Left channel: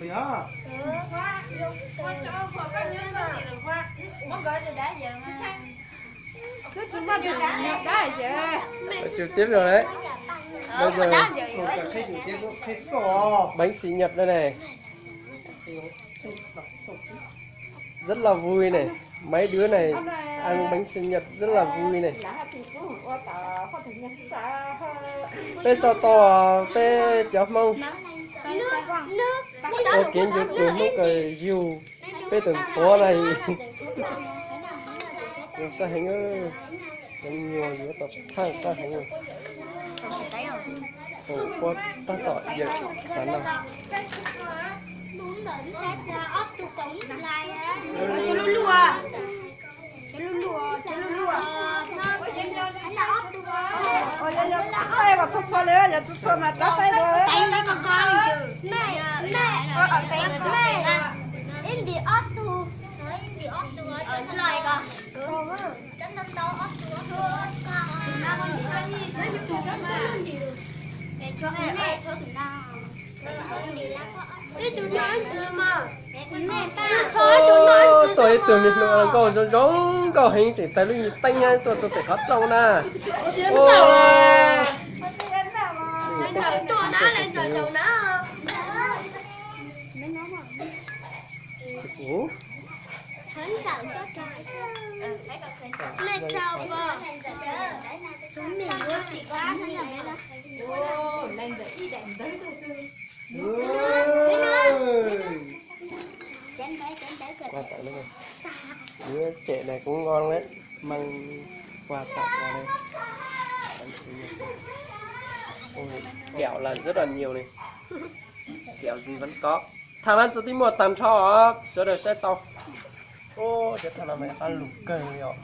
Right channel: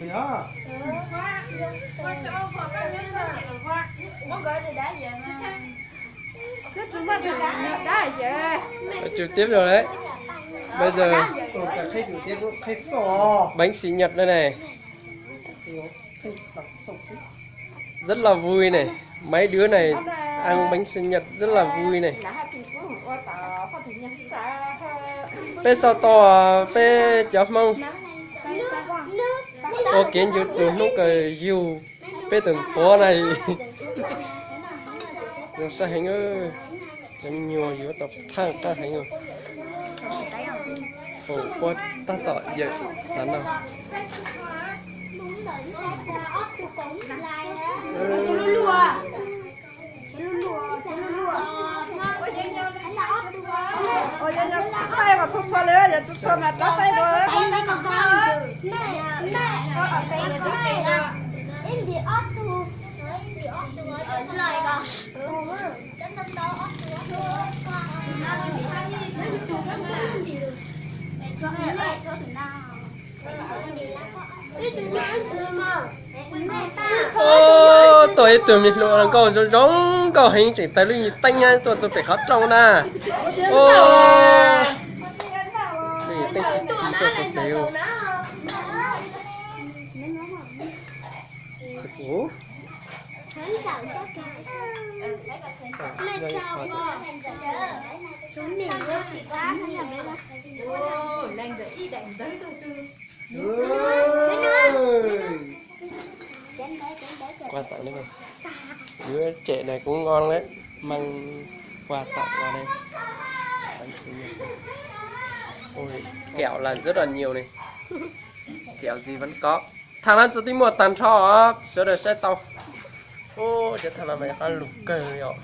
phải á. Trực tiếp rồi đấy. Bây giờ bánh sinh nhật đây này. Rất là vui này. Mấy đứa này ăn bánh sinh nhật rất là vui này. Bé sao to bé chó mông. Ô kiến chú chú lúc cái dù bé từng số này. Nó sẽ hành ơi. Nó nhiều yếu tập thang ta hành ơi. Ồ, có ta tỏ vậy sáng nào. Cho nó lùa. Đây mà cho nữa, giờ cho là cho tay rồi. Tay nó con Mẹ ở tay mẹ. In the auto. In the auto ở trên lời con. Chân chân to auto. Tôi mình luôn câu giống câu hình chỉ tay lưng tay nha tôi sẽ phải khóc trong na. Ô. Mình tay chỉ tôi phải chịu. Ủa? Mẹ chào con. Chúng mình luôn thì quá là bé đó. lên rồi đi đánh tới Quà tặng nữa rồi. Đứa trẻ này cũng ngon đấy. Mang quà tặng vào đây. Ôi, kẹo là rất là nhiều này. Kẹo gì vẫn có. Thằng ăn số tí một tàn cho sữa đời xe tàu. Ô, chứ thằng nào mày ăn lục cờ rồi.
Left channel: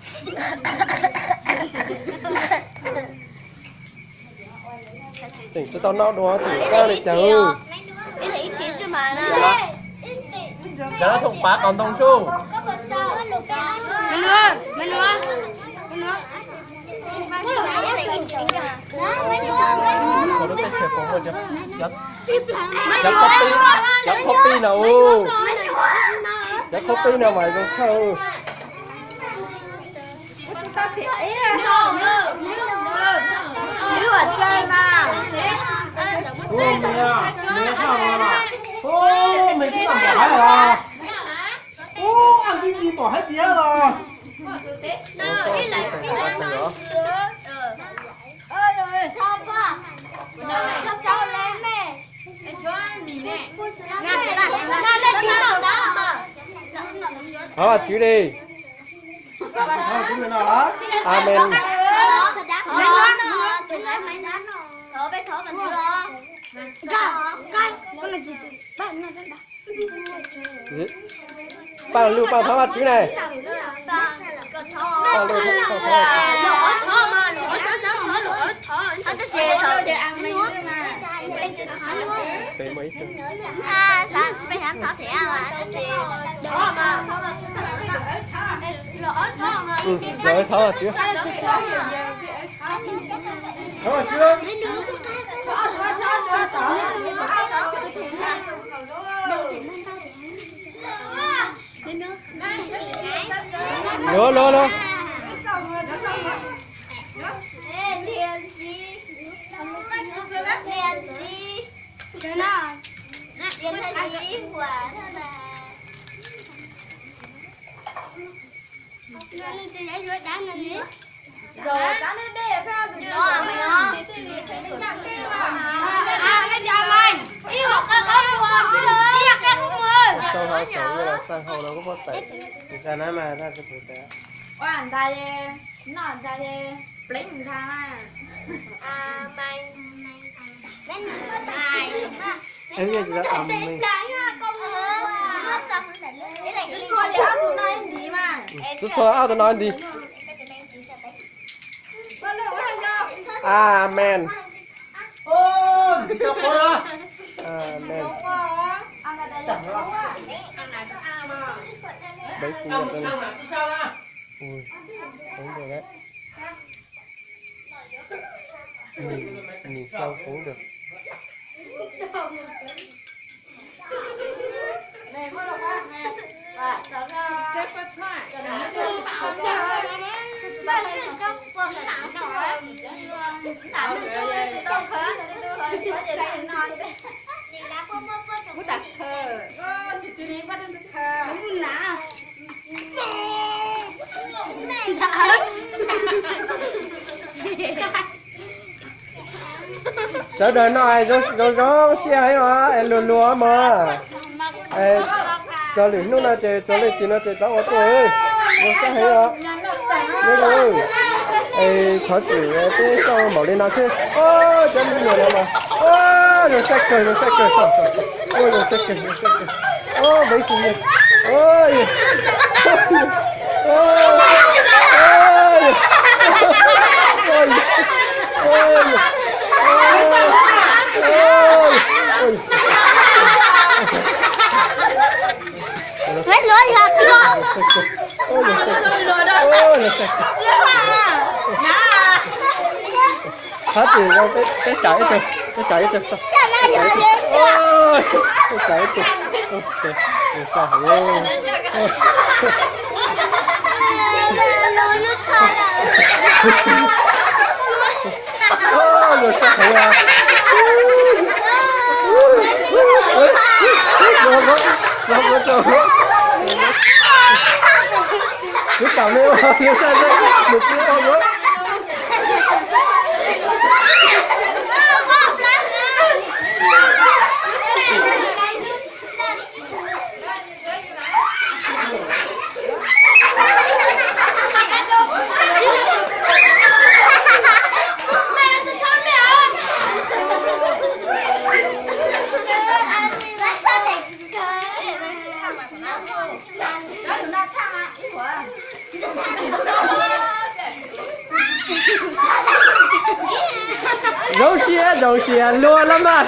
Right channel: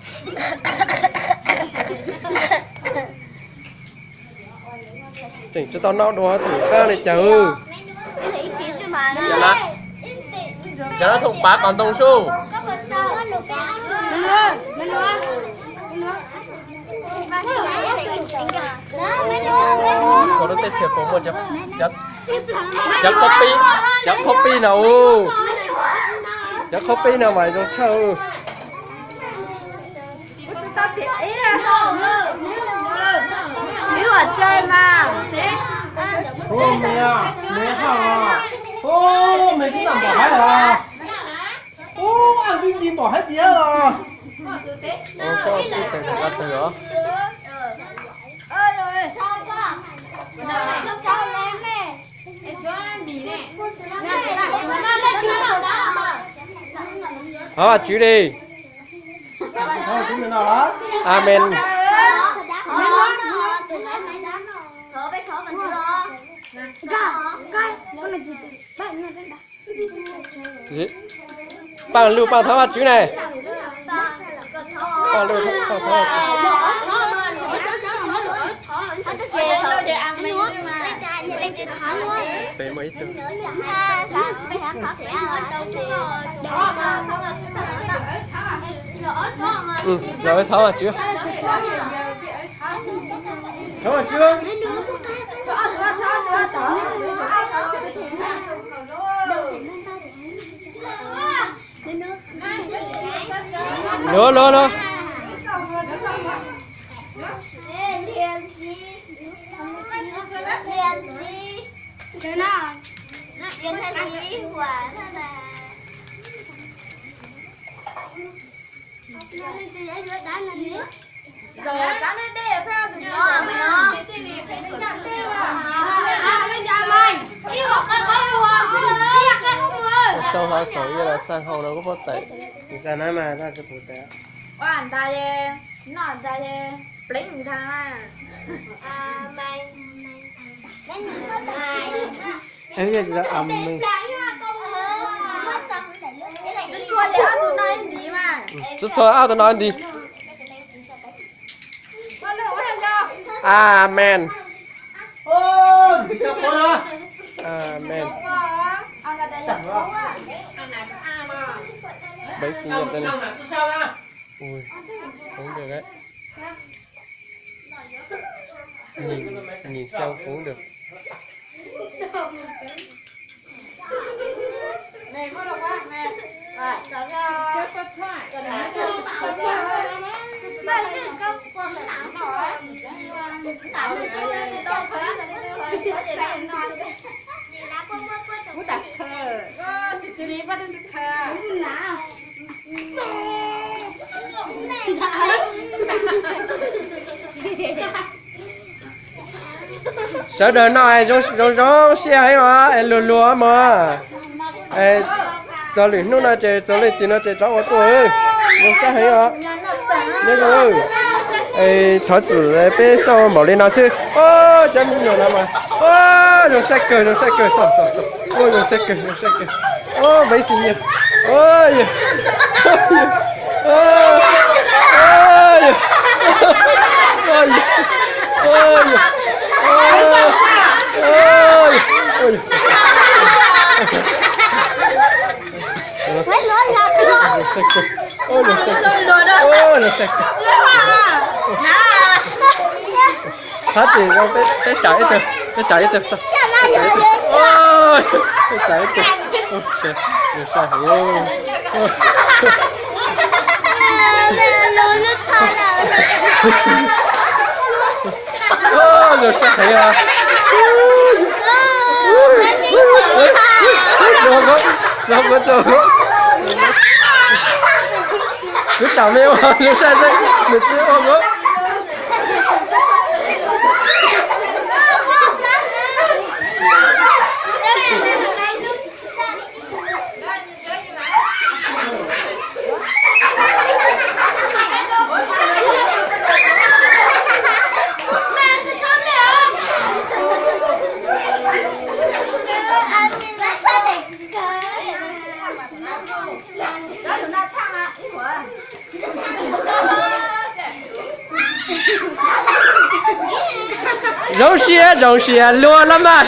Chỉnh cho tao nấu đồ thử ca này chờ. Cho nó thùng bạc còn tông su. Lên nữa. Số đó tết sửa cũng một chắc copy nào. Chắc copy nào mày trong châu. Nếu mà chơi mà. Ô mẹ hả? Ô mày cứ làm bỏ hết à? Ô anh đi bỏ hết tía rồi. Ô có cái gì nữa? Đó, chữ đi. Thôi cũng nào đó. Amen. Gì? Bằng lưu bằng tháo chữ này. Bằng lưu tháo về mấy từ. Rồi tháo à chưa? Tháo à chưa? Lô. Rồi dán lên đây phải không? Sau hai sáu như là sang hậu nó có phát tẩy. Người ta nói mà ta có thể tẻ. Anh ta đi, nó anh ta đi, bling thằng Em giờ là ẩm này. Chút xôi áo tôi nói gì? Amen. Ô, chào con à. Amen. Chẳng rồi. Bánh sinh nhật đây này. Sao ra? Ui, cũng được đấy. Nhìn xem cũng được. Này có được không? Nè. Rồi, cho ra. Chết chết thôi. Cho nó cho tạo cho. Đây cái cho con cái nào nào á. Tạo cho tôi khá là đi tôi rồi. Có gì đây ngon đi. Đi lá bơ bơ bơ chồng. Đặt thơ. Đi bắt được thơ. Muốn nào? Mẹ trời. sợ đời nó ai rong xe hay mà lùa lùa mà giờ lì nó là chơi giờ lì thì nó chơi cháu ở tuổi nó sẽ hay mà nhớ rồi thọ tử bé sau mở lên nó chứ ô chân nhiều lắm mà ô rồi sẽ cười sợ ôi rồi sẽ cười ô mấy gì nhỉ ôi Hết nói ra tôi. ôi nó sẽ hết thì đâu cái chạy từ sao ôi cái chạy từ ok rồi sao rồi sao thấy à rồi cứ chào mèo rồi sao đây mình chưa không có rau xìa lúa lắm mà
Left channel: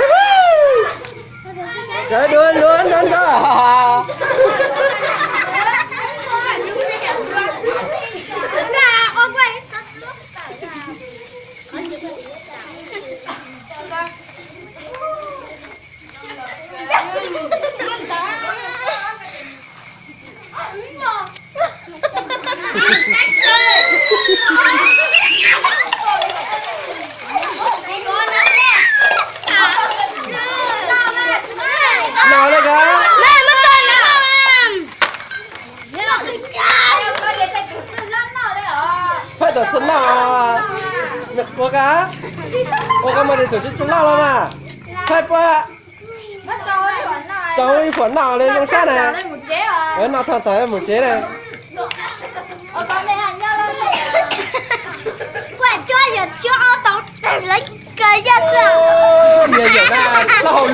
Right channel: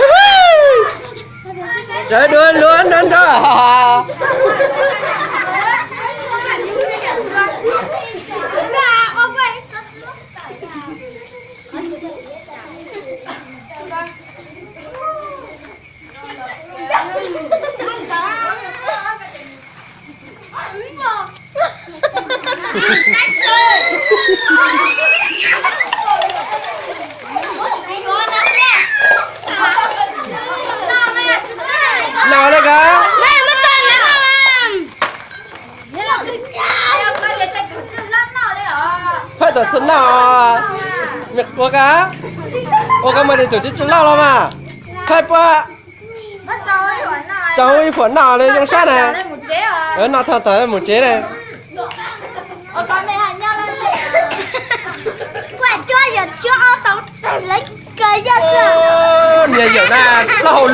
trời đuôi luôn đó nào đây cả phải tổ chức nào việc của cá mà để tổ chức chúng nào mà phải pa cháu ý phấn nào lên trong sát này ở nào thật tới một chế này cái ra sao? nhiều na, lâu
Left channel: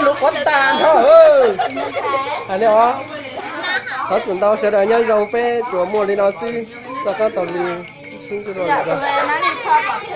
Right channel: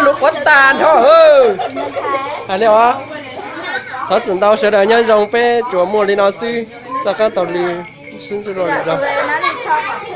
lục quát tàn thôi. À liệu á, có tưởng tao sẽ đợi nhân dòng pe chùa mua đi nó xí, ra các tàu đi xin rồi.